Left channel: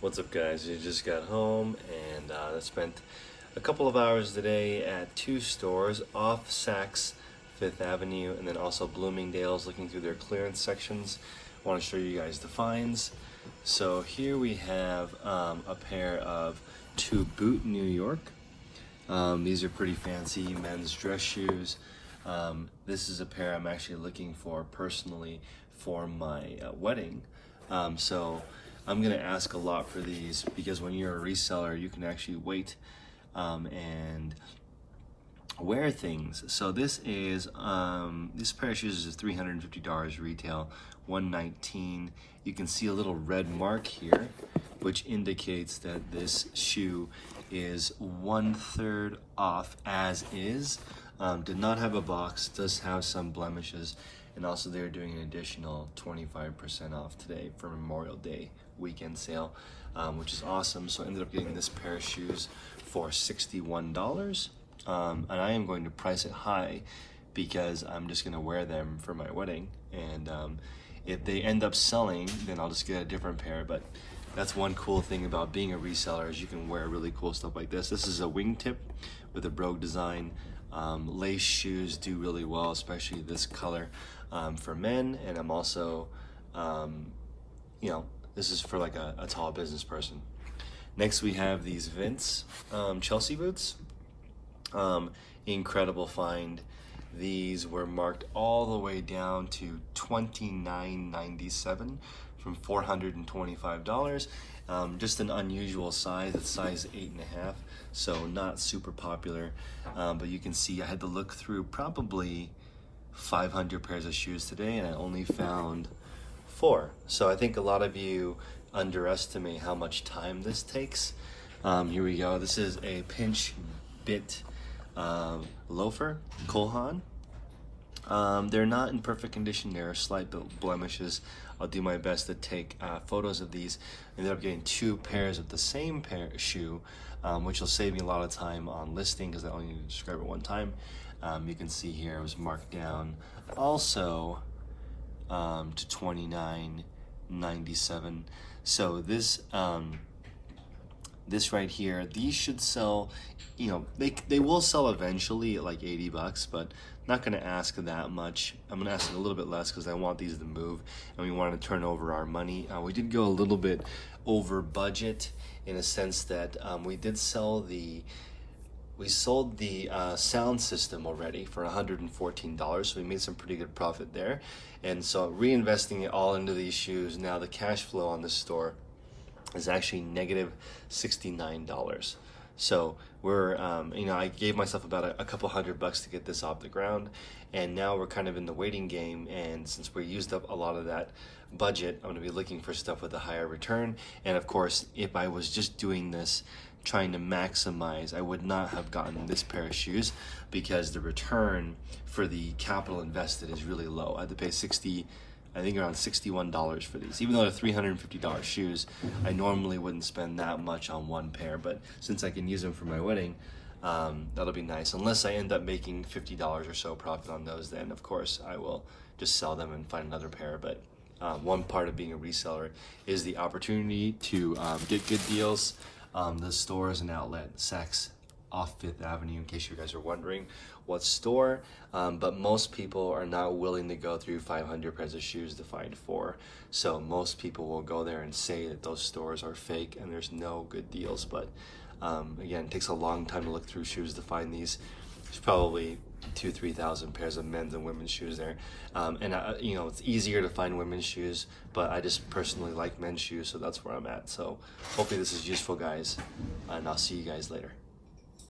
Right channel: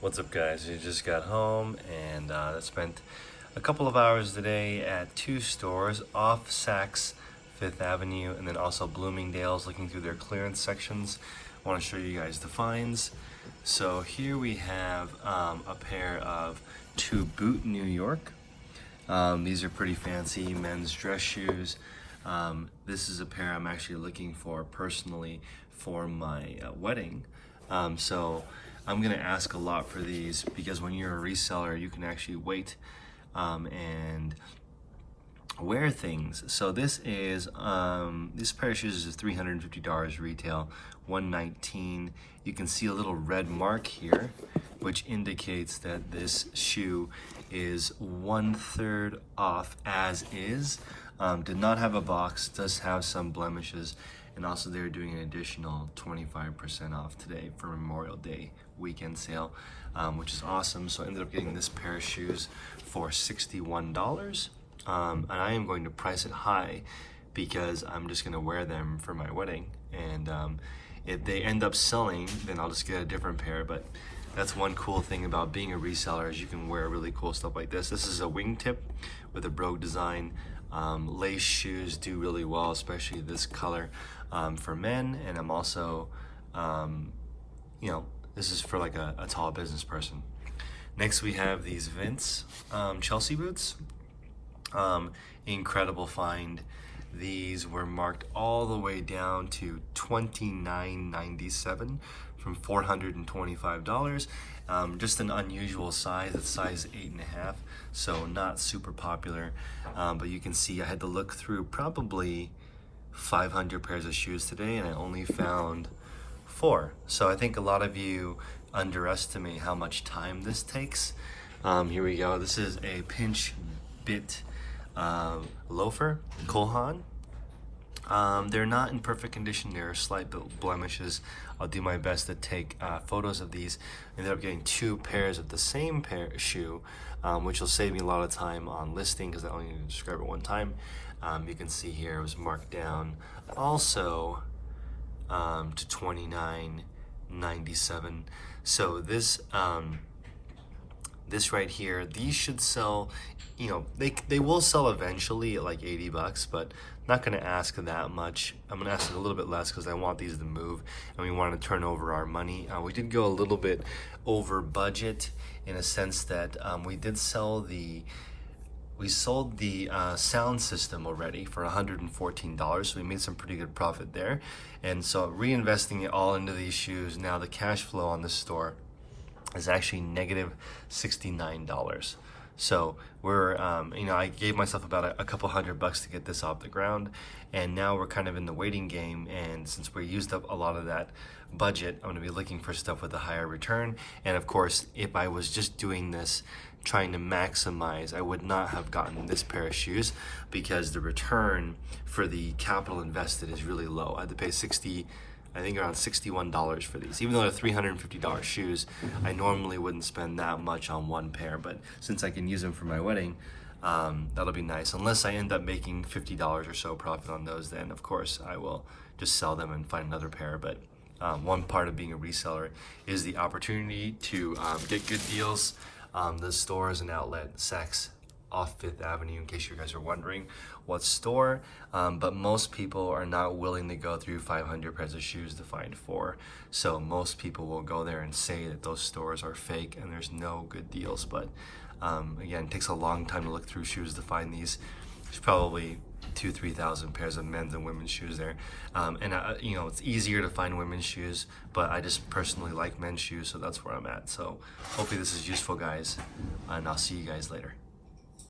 What's up, guys? We just got home and I spent a couple of hours today at two stores off Saks Fifth Avenue and then also Bloomingdale's, looking through their clearance sections. I want to show you guys the finds. So here we have a pair of two boot New York. These are pretty fancy men's dress shoes. This is a pair I'm actually looking for personally for my wedding. So I'm gonna ask a lot for these because when you're a reseller, you can actually wait and wear things. So this is this pair of shoes is $350 retail, $119. You can see a little red mark here, which indicates that this shoe is 1/3 off as is. Did not have a box, does have some blemishes, and also they're doing an additional 25% off today for Memorial Day weekend sale, which is awesome. So I ended up getting this pair of shoes for $61. And I am going to price it high because I'm just gonna wear them for my wedding. And if they end up selling, then I'll just get a different pair. But that's one cool thing about being a reseller is you can wear really cool stuff like this. This is a wingtip with a brogue design. Lace shoes do really well, especially this color for men. And I'm also, this is for like a tall business person. Next we have these Vince Chelsea boots. Incredible find. These were marked all the way down to $29.97 from $425. Just an unusual size. It's size 8.5, so not super popular. But you can see I had to look through probably 500 pairs of shoes today, and I only found 4. So I think a lot of you underestimate how much time this takes. Here we go. This is a pinch bit loafer, Haan. They're not in perfect condition. There are slight blemishes. I'll do my best to take photos of these. I ended up getting 2 pairs of the same shoe, which will save me a lot of time on listing because I only need to describe it one time. You can see here it was marked down also to $29.97. So this this right here, these should sell, they will sell eventually at like $80, but not gonna ask that much. I'm gonna ask a little bit less because I want these to move and we want to turn over our money. We did go a little bit over budget in a sense that we sold the sound system already for $114, so we made some pretty good profit there. And so reinvesting it all into these shoes, now the cash flow on this store is actually negative $69. So we're, I gave myself about a couple $100 to get this off the ground, and now we're kind of in the waiting game. And since we used up a lot of that budget, I'm gonna be looking for stuff with a higher return. And of course, if I was just doing this trying to maximize, I would not have gotten this pair of shoes because the return for the capital invested is really low. I had to pay around $61 for these. Even though they're $350 shoes, I normally wouldn't spend that much on one pair, but since I can use them for my wedding, that'll be nice. Unless I end up making $50 or so profit on those, then of course I will just sell them and find another pair. But one part of being a reseller is the opportunity to get good deals. The store is an outlet, Saks off Fifth Avenue, in case you guys are wondering what store, but most people are not willing to go through 500 pairs of shoes to find 4. So most people will go there and say that those stores are fake and there's no good deals. But again, it takes a long time to look through shoes to find these. There's probably 2,000-3,000 pairs of men's and women's shoes there. It's easier to find women's shoes, but I just personally like men's shoes, so that's where I'm at. So hopefully this is useful, guys, and I'll see you guys later.